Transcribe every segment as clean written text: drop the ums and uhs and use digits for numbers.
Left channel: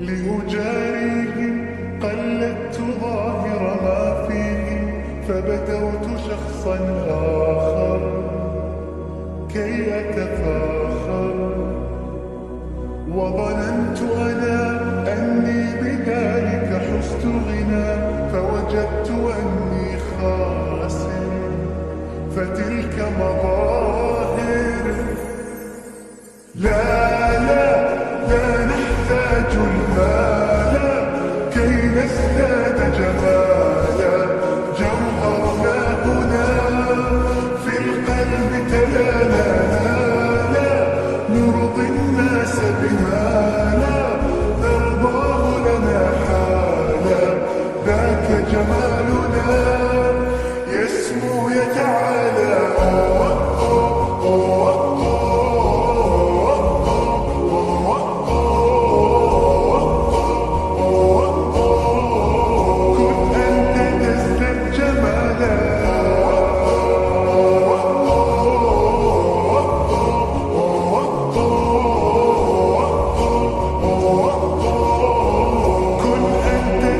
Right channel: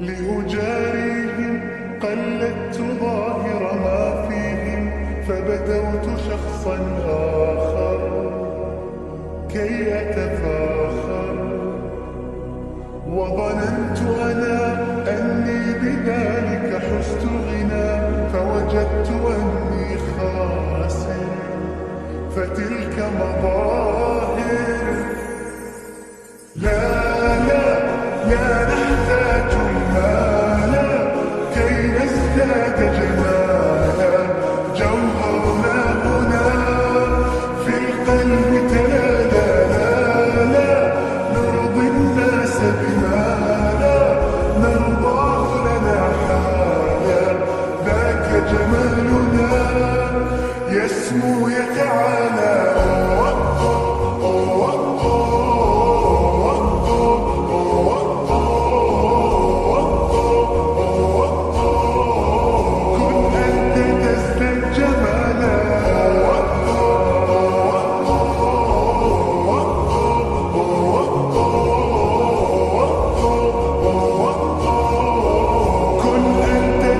لأجاريهم قلدت ظاهر ما فيهم، فبدوت شخصا آخر كي أتفاخر، وظننت أنا أني بذلك حزت غنى، فوجدت أني خاسر، فتلك مظاهر. لا لا لا نحتاج المال كي نزداد جمالا، جوهرنا هنا في القلب تلالا، لا نرضي الناس بما لا نرضاه لنا حالا، ذاك جمالنا يسمو يتعالى.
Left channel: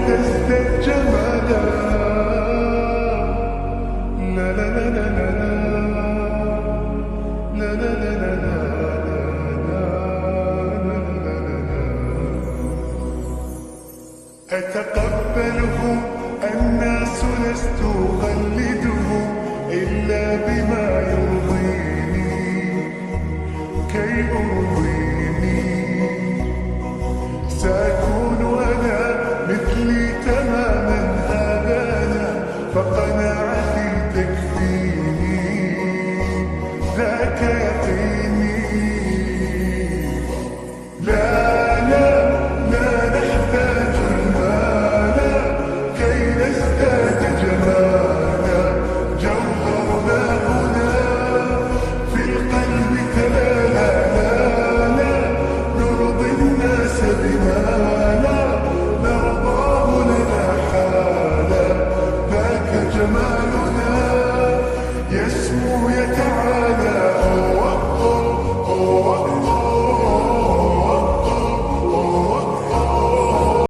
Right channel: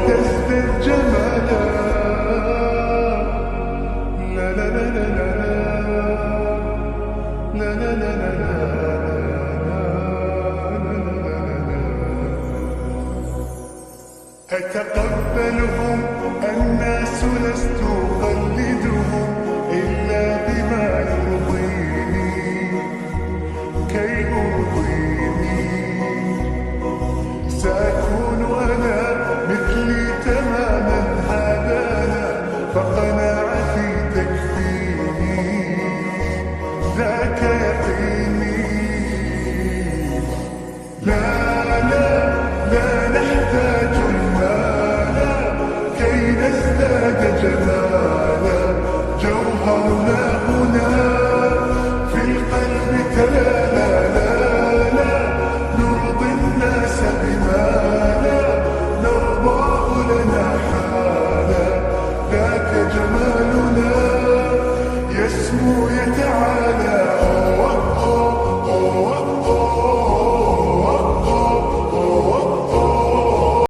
تزداد جمالا. لا لا لا لا لا لا لا لا لا لا. أتقبلهم الناس لست أقلدهم إلا بما يرضيني كي أرضيني، سأكون أنا مثلي تماما هذا أنا، فقناعتي تكفيني ذاك يقيني. لا لا لا نحتاج المال كي نزداد جمالا، جوهرنا هنا في القلب تلالا، لا لا نرضي الناس بما لا نرضاه لنا حالا، ذاك جمالنا يسمو يتعالى.